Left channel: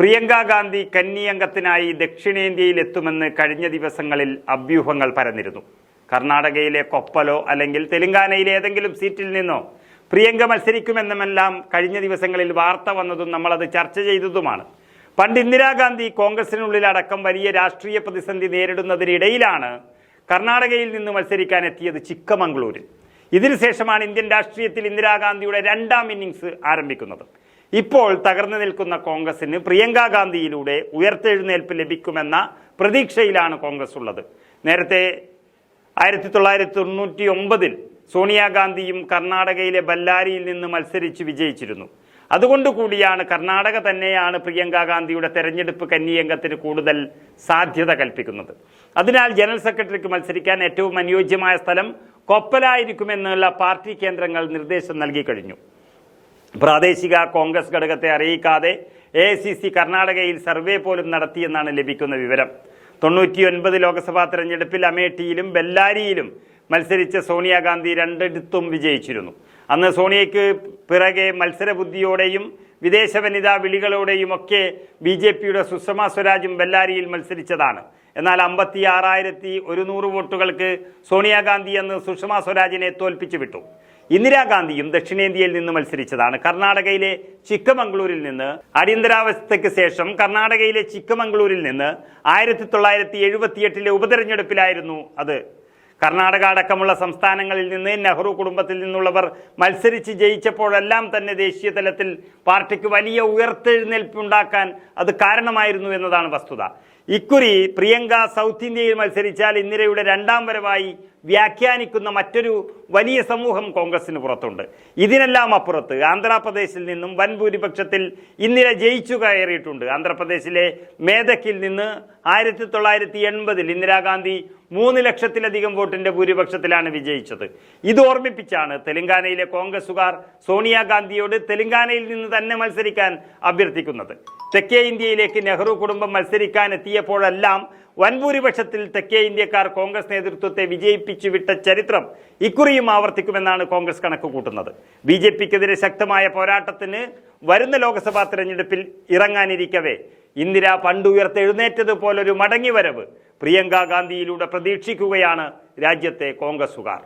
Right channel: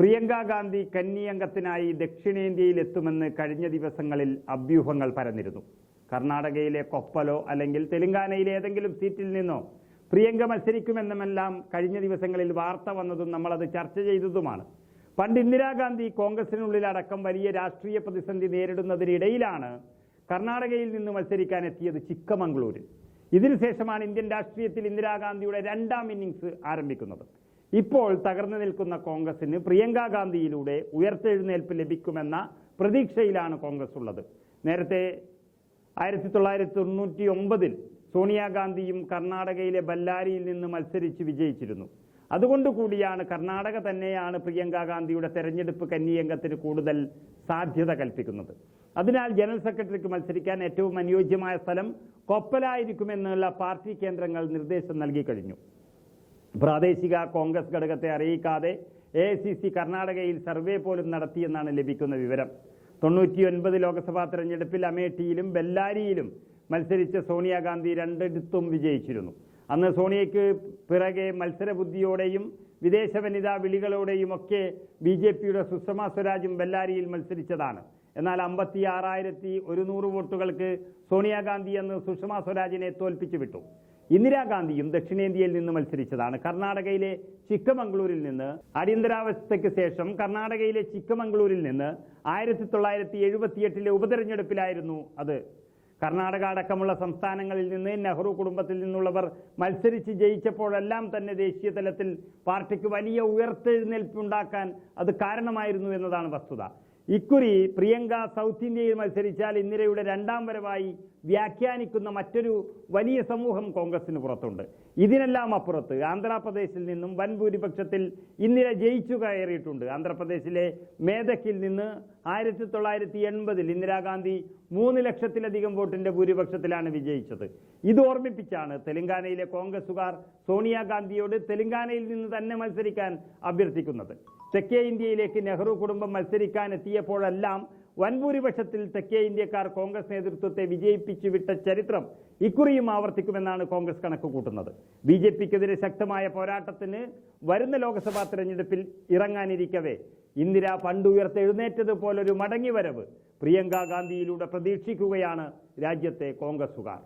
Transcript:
പ്രിയങ്ക ഗാന്ധി കന്നി അംഗത്തിനായി ദക്ഷിണേന്ത്യയിൽ എത്തുമെന്ന് കഴിഞ്ഞ ദിവസങ്ങളിൽ അഭ്യൂഹങ്ങൾ പരന്നിരുന്നു. കർണാടകയിലെ കൊപ്പലോ അല്ലെങ്കിൽ തെലങ്കാനയിലെ ഏതെങ്കിലും സീറ്റിൽ നിന്നോ പ്രിയങ്ക മത്സരിക്കുമെന്നുമെല്ലാം കഴിഞ്ഞ ദിവസങ്ങളിൽ വാർത്ത വന്നതും നമ്മളത് ചർച്ച ചെയ്തതുമാണ്. പണ്ട് ഇന്ദിരാഗാന്ധി കോൺഗ്രസിനുള്ളിലടക്കം വലിയ രാഷ്ട്രീയ പ്രതിസന്ധി നേരിടുന്നതിനിടയിലാണ് കർണാടകയിൽ നിന്ന് മത്സരിക്കാൻ എത്തിയത് ചിക്കമംഗളൂരിൽ. ഇതിനുശേഷമാണ് ഇന്ത്യൻ രാഷ്ട്രീയത്തിൽ ഇന്ദിരാഗാന്ധിയുടെ രണ്ടാം ഇന്നിങ്സ് ആരംഭിക്കുന്നത്. ഇപ്പോൾ തകർന്നു നിൽക്കുന്ന കോൺഗ്രസിന് പ്രിയങ്ക ഗാന്ധിയിലൂടെ ഉയർത്തെഴുന്നേൽപ്പ് ലഭിക്കുമെന്ന പ്രതീക്ഷയിലാണ് കോൺഗ്രസ് ഉള്ളത്. നേരത്തെ ആയിരത്തി തൊള്ളായിരത്തി തൊണ്ണൂറ്റി ഒമ്പതിൽ സോണിയാഗാന്ധിയും കർണാടകയിലെ ബല്ലാരിയിൽ നിന്ന് മത്സരിച്ച് വിജയിച്ചിരുന്നു. അതുകൊണ്ട് കൂടിയാണ് കർണാടക തന്നെയാണ് പ്രിയങ്ക ഗാന്ധിയുടെ തെരഞ്ഞെടുപ്പ് കന്നിയംഗത്തിന് കൂടുതൽ സാധ്യത കൽപ്പിക്കുന്നത്. അതിനാൽ ജനറൽ സെക്രട്ടറിക്ക് മത്സരിക്കാൻ ഏറ്റവും അനുയോജ്യമായ സ്ഥലം കൊപ്പലായിരിക്കുമെന്നുള്ള പാർട്ടി കേന്ദ്രങ്ങൾ നിർദ്ദേശം നൽകി കഴിഞ്ഞു. പ്രാദേശിക കോൺഗ്രസ് ഘടകത്തെ അറിയിക്കാതെ എ സി സി കർണാടകയിൽ സർവേ പോലും നടത്തിയെന്നാണ് ലഭിക്കുന്ന വിവരം. തൊണ്ണൂറ്റിയൊൻപത് ലോക്സഭാ തെരഞ്ഞെടുപ്പിൽ അമേഠിയിലും ബെല്ലാരിയിലും മത്സരിച്ച സോണിയാഗാന്ധി രണ്ടിടത്തും വിജയിച്ചിരുന്നു. അന്ന് സോണിയയ്ക്ക് പിറകെ മത്സരബുദ്ധിയോടെയും വിദേശ വനിതാ വിളികളോടെയും ഒക്കെ ബി ജെ പിയുടെ സുഷമ സ്വരാജും ബെല്ലാരിയിൽ മത്സരിച്ചതാണ്. എന്നാൽ അമ്പത്തി ആറായിരത്തി ഒരുന്നൂറ് വോട്ടുകൾക്ക് സോണിയാഗാന്ധി അന്ന് സുഷമ സ്വരാജിനെ തോൽപ്പിച്ചു വിട്ടു ഇന്ദിരാഗാന്ധിയും ദക്ഷിണേന്ത്യയിൽ നിന്ന് മത്സരിച്ചതാണ്. കർണാടകയിലെ ചിക്കമംഗ്ലൂരിൽ നിന്ന് അടിയന്തരാവസ്ഥയ്ക്ക് ശേഷം കർണാടകയിലെ ചിക്കമംഗ്ലൂരിൽ നിന്ന് ആയിരത്തി തൊള്ളായിരത്തി എഴുപത്തിയെട്ടിലെ ഉപതെരഞ്ഞെടുപ്പിലായിരുന്നു അത്. കർണാടക അടക്കമുള്ള സംസ്ഥാനങ്ങളിൽ നിന്ന് നെഹ്റു കുടുംബത്തിൽ നിന്നുള്ളവർ മത്സരിച്ച് ജയിച്ചപ്പോഴെല്ലാം തന്നെ ദേശീയ തലത്തിൽ പാർട്ടിക്ക് വലിയ ഉയർത്തെഴുന്നേൽപ്പുണ്ടാക്കാൻ അത് കാരണമായിരുന്നു എന്നതാണ് വസ്തുത. ഇക്കുറി പ്രിയങ്ക സൗത്ത് ഇന്ത്യയിൽ മത്സരിച്ചാൽ ഇന്ദിരയുടെ രണ്ടാം വരവായി വ്യാഖ്യാനിക്കുന്ന മറ്റൊരു വലിയ സമൂഹം കോൺഗ്രസിന് പുറത്തുണ്ട്. ഇതിനെല്ലാം അപ്പുറത്ത് ആന്ധ്രാപ്രദേശിൽ നിന്നും വൻ ഭൂരിപക്ഷത്തിൽ ഇന്ദിര ജയിച്ചു കയറിയിട്ടുണ്ട്. ആന്ധ്രാപ്രദേശിലെ മേധക്കിൽ നിന്ന് ആയിരത്തി തൊള്ളായിരത്തി എൺപതിൽ ഇന്ദിരാഗാന്ധി മൂന്ന് ലക്ഷത്തിലധികം വോട്ടിന്റെ ഭൂരിപക്ഷത്തിലാണ് വിജയിച്ചത്. ഇത് ഓർമ്മിപ്പിച്ചാണ് തെലങ്കാനയിലെ കോൺഗ്രസുകാർ സോണിയാഗാന്ധിയോട് തെലങ്കാനയിൽ നിന്ന് തന്നെ മത്സരിക്കാൻ അഭ്യർത്ഥിക്കുന്നത്. തെക്കേ ഇന്ത്യയിലേക്ക് നെഹ്റു കുടുംബം മത്സരിക്കാൻ എത്തിയപ്പോഴെല്ലാം വൻ ഭൂരിപക്ഷത്തിൽ തെക്കേ ഇന്ത്യക്കാർ കോൺഗ്രസ് നേതൃത്വത്തെ വിജയിപ്പിച്ചു വിട്ട ചരിത്രം ഇക്കുറിയും ആവർത്തിക്കുമെന്നാണ് കോൺഗ്രസ് കണക്ക് കൂട്ടുന്നത് ബി ജെ പിക്കെതിരെ ശക്തമായ പോരാട്ടത്തിന് വരുന്ന ലോക്സഭാ തെരഞ്ഞെടുപ്പിൽ ഇറങ്ങാനിരിക്കവേ. ഇന്ദിര പണ്ടുയർത്തെഴുന്നേറ്റതുപോലൊരു മടങ്ങിവരവ് പ്രിയങ്ക ഗാന്ധിയിലൂടെ പ്രതീക്ഷിക്കുകയാണ് രാജ്യത്തെ കോൺഗ്രസുകാർ